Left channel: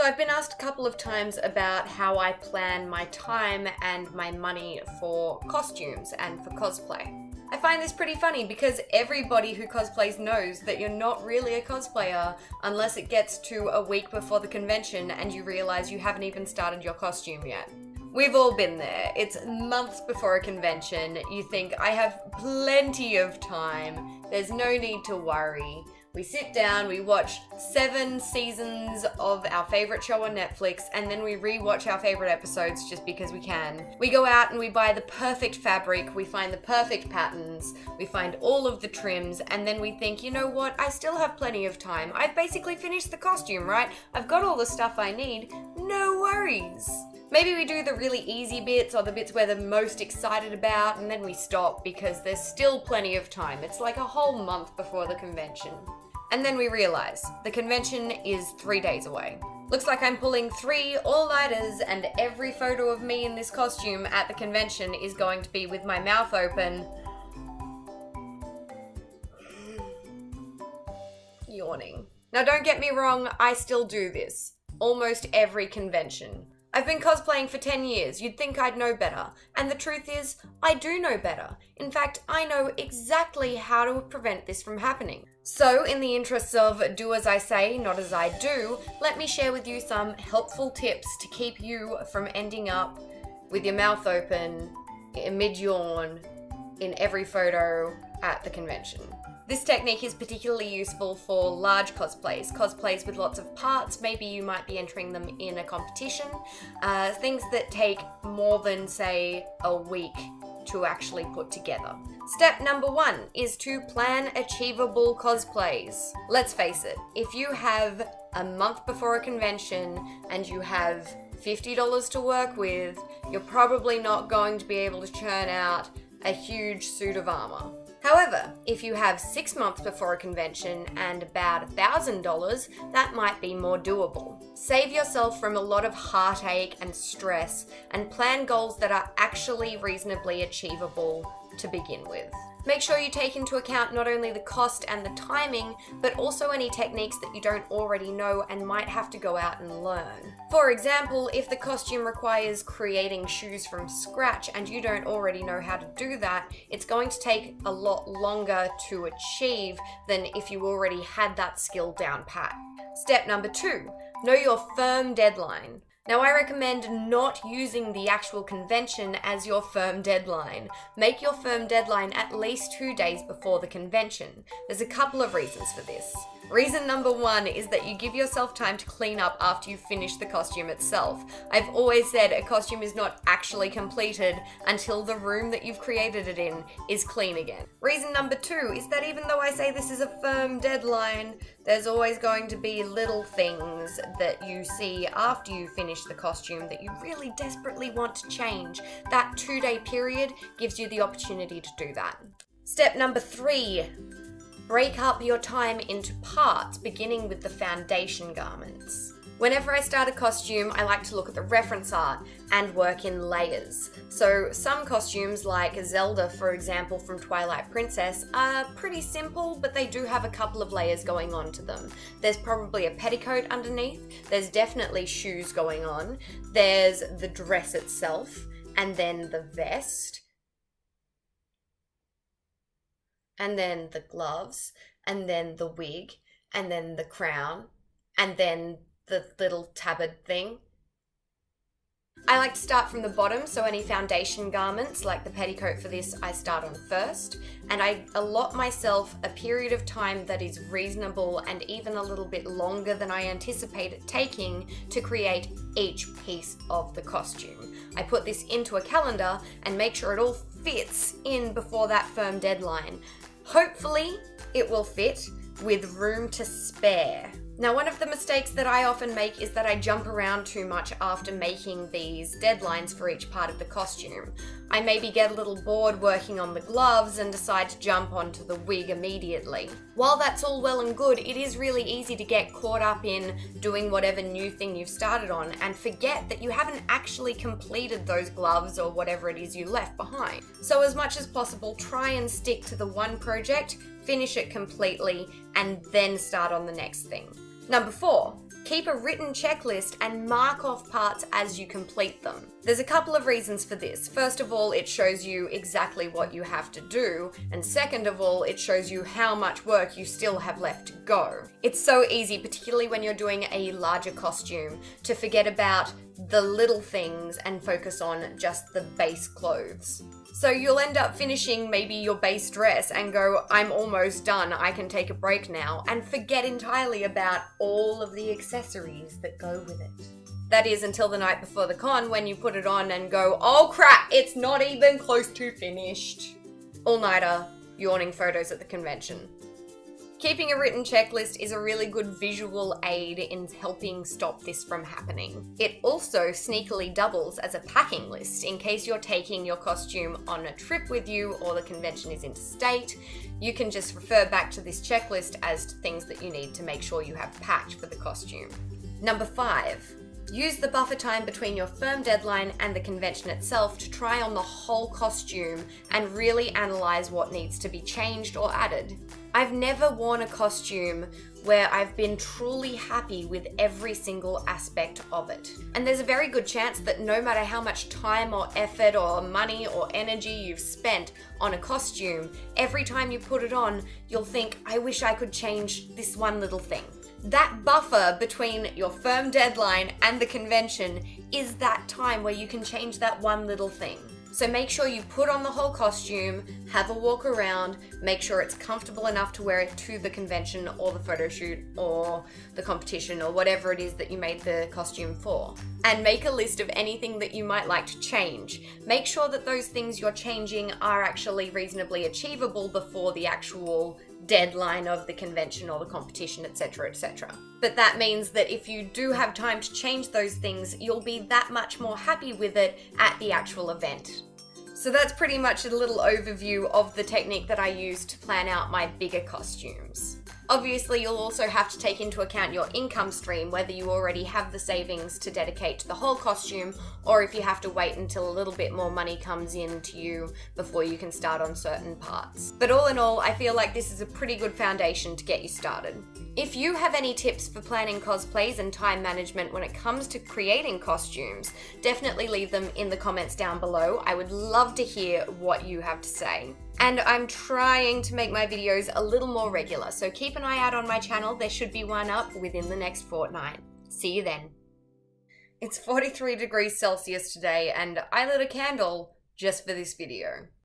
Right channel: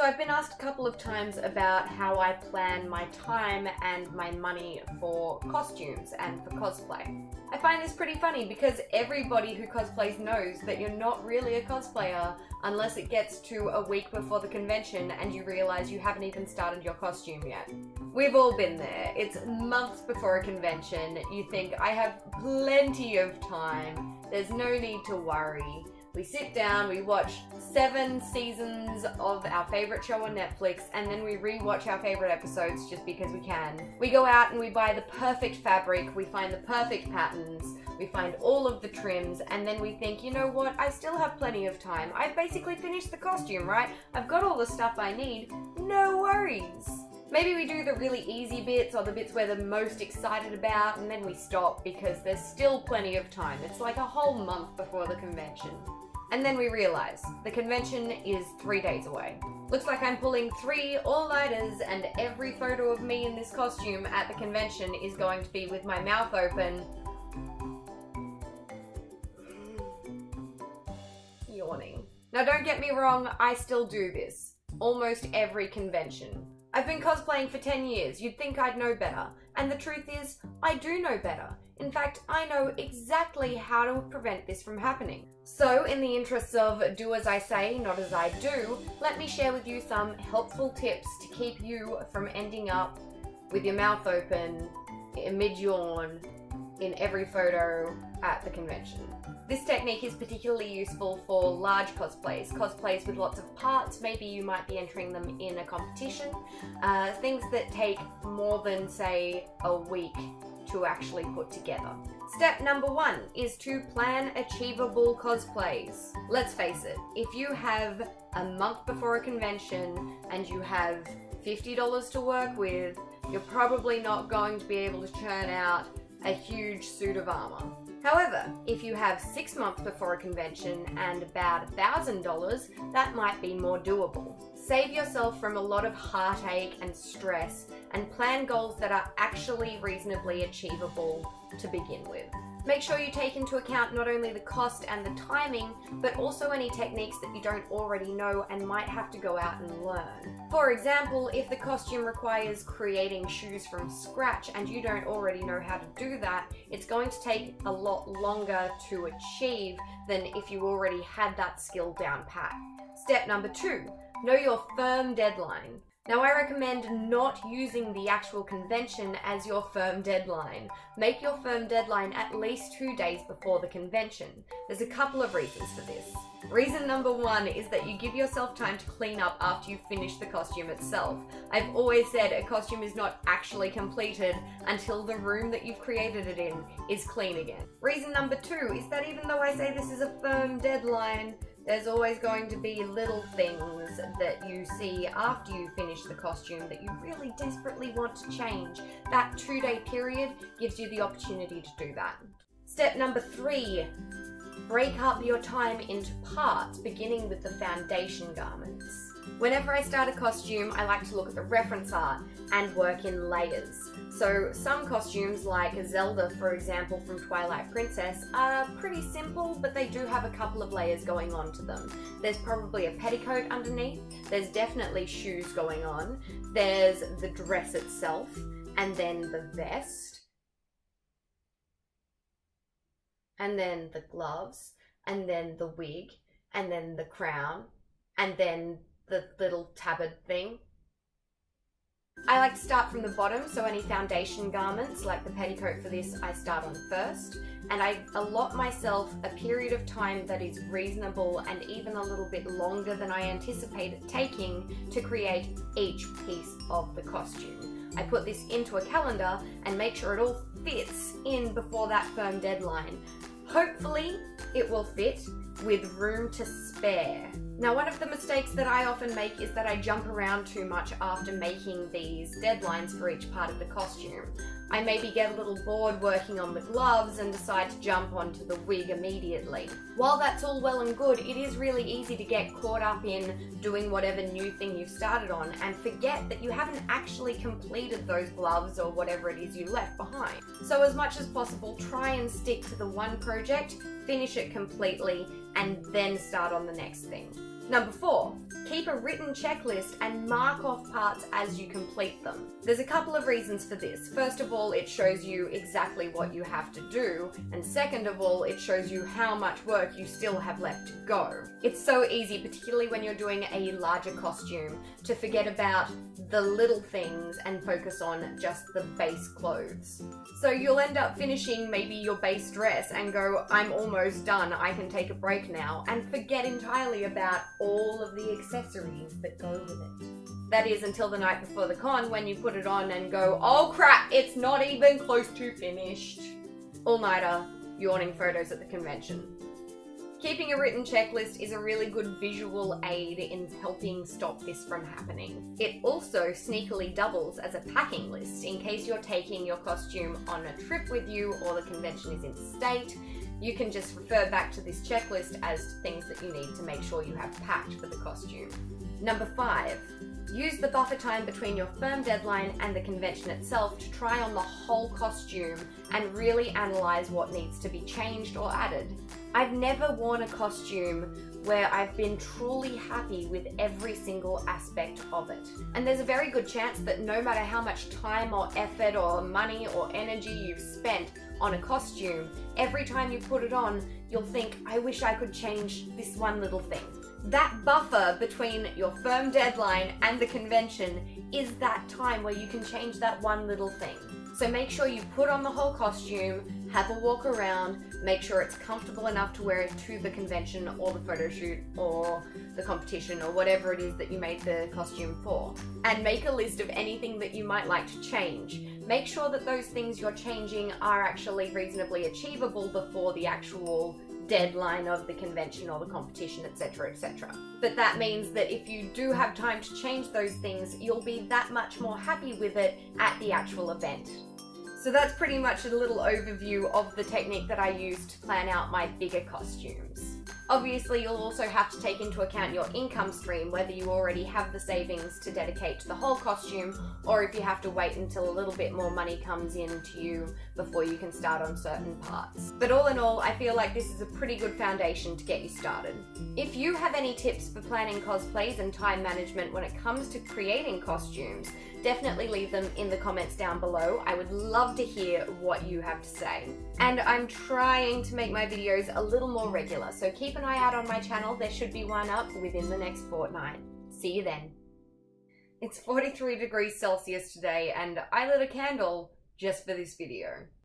So I've been asked a couple of times about how I plan my time and my money for costumes and for cosplay. I find this pretty funny because everybody who cosplays knows that you're not really a cosplayer unless it gets to a week before the convention and you realize you haven't even started your costume yet. We've all been there. It's months before a convention. You think, I have plenty of time. There's no need to worry. We sit down, we watch 7 seasons of our favorite show on Netflix, and then we re-watch our favorite episodes just because we can. We go out and we buy the perfect fabric, we find the perfect patterns, we find all of the trims, and then we think, you know what, I still have plenty of time. I've basically finished the costume, right? I've got all the stuff I need. No worries. Maybe we do the really easy bits or the bits we're the most excited about, and then we stop because there's still plenty of time. It's like a whole month before the convention. And then we realize the convention is 3 days away. Looks like I'm pulling 3 all-nighters, and every photo of me in this costume at the convention is going to be with my mouth open, yawning. Now don't get me wrong, I still do this. Almost every convention. I've been cosplaying for 10 years, you'd think I'd know better. And the truth is, I do know better. In fact, I know exactly how to prevent this from happening. So, in the interests of do as I say, not as I do, let me share with you some helpful tips to keep you from ending up with your mouth open, mid-yawn, in every photo at the convention. This technique is particularly useful for large cosplays with lots of parts. Maybe you might be entering them in a competition, things that take more than, say, a week to actually put together. Step number 1 is to plan achievable cosplays. Let's face it, if you have a month before a convention and you have $50 to work with, you're probably not going to be able to churn out a huge suit of armor. However, if you have 6 months before a convention and about $1,000, that might be more doable. Save yourself from a lot of heartache and stress and plan goals that are actually reasonably achievable to begin with. Make sure you take into account not only the cost and the timing, but also any techniques that you don't already know and might have to go out and learn. For example, if the costume requires creating shoes from scratch and you don't already know how to do that, it's going to take a lot longer to achieve than if you already had that skill down pat. Step number 2, know your firm deadline. Now, I recommend not using the actual convention as your firm deadline. Make your firm deadline at least 2 days before the convention. There's a couple of reasons for this. Reason number 1 is that you give yourself time to clean up after you finish the costume itself. I've always said a costume is not actually completed until the room that you've created it in is clean again. Reason number 2 is that even though I say this is a firm deadline, there's always going to be little things that you see after you finish the costume that you really desperately want to change. That 2-day period gives you the opportunity to do that. Step number 3, break up your time into parts, beginning with the foundation garments. Whenever I start a costume, I like to look at the reference art and work in layers. So some costumes, like Zelda, for example, from Twilight Princess, are pretty simple, but they do have a couple of layers going on to them. There's probably a petticoat underneath, there's definitely shoes going on, there's the dress itself, and then the vest, and then the gloves, and then the wig, and then the crown, and then the little tabard thing. I like to start from the bottom, so any foundation garments, like the petticoat for this, I start on first, and I allot myself a period of time that is reasonable and even a little bit longer than I anticipate it taking to create each piece of the costume. I put this into a calendar and make sure it all fits in before that firm deadline. Hopefully, it will fit with room to spare. Now, one of the mistakes that I often make is that I jump around too much after making these deadlines for each part of the costume. I maybe get a little bored working on the gloves and decide to jump onto the wig immediately. While that's all well and good, it is really easy to get caught up in doing whatever new thing you've started on and forget that you haven't actually completed those gloves or whatever it is you left behind. So as much as possible, try and stick to the one project, finish it completely, and then start on the next thing. Number 4, Keep a written checklist and mark off parts as you complete them. There's a couple of reasons for this. First of all, it shows you exactly what you have to do, and second of all, it shows you how much work you still have left to go. It's so easy, particularly when you're doing a larger costume, to forget about the little things and focus on just the base clothes. So you'll end up finishing maybe your base dress and go, I'm almost done, I can take a break now, and forget entirely about all of the accessories that go with it. That is until the night before the con, when you put it on and go, oh crap, it's not even close to finished. All-nighter, yawning photos at the convention. Keeping a written checklist is a really good visual aid in helping stop this from happening. It also sneakily doubles as a packing list in case you're taking your costume on a trip with you or the convention is interstate. You can just refer back to this checklist as to things that you need to make sure you have packed for the costume. Number 5. Use the buffer time between your firm deadline and the convention itself to try on the whole costume and really analyze what needs to be changed or added. I've never worn a costume where I've been truly happy with every single aspect of it. And there's a very good chance that no matter how much time or effort or money or energy you've spent on a costume, every time you put it on, you'll think, I wish I could change this one little thing. That buffer between your firm deadline and the convention is that time where you can change that one little thing. So make sure you put on the whole costume, have a walk around, make sure it's comfortable enough to wear it to the convention or the photo shoot or the competition or whatever it is that you made the costume for. And make a list of anything that you might like to change. Make sure that those things you're changing are actually reasonably achievable before the actual deadline of the convention or the competition, etc., etc. But that means that if you do have time to change those things, you'll be that much more happy with it at the actual event. So that's pretty much a little overview of the technique that I use to plan out my bigger costumes. Obviously, you'll also have to take into account your income stream, whether you already have the savings to dedicate to the whole costume, or if you have to wait until a little bit more money comes in to you before you can start on certain parts. But all in all, I feel like this is a pretty good foundation to get you started. If you have any tips for planning cosplays and time management when it comes to creating costumes, definitely leave them in the comments down below. I would love to hear what you have to say. And I'm trying to make my videos a little more regular, so keep an eye out on my channel. There should be one up within the next fortnight. See you then. It's 43 degrees Celsius today, and I lit a candle just for this video.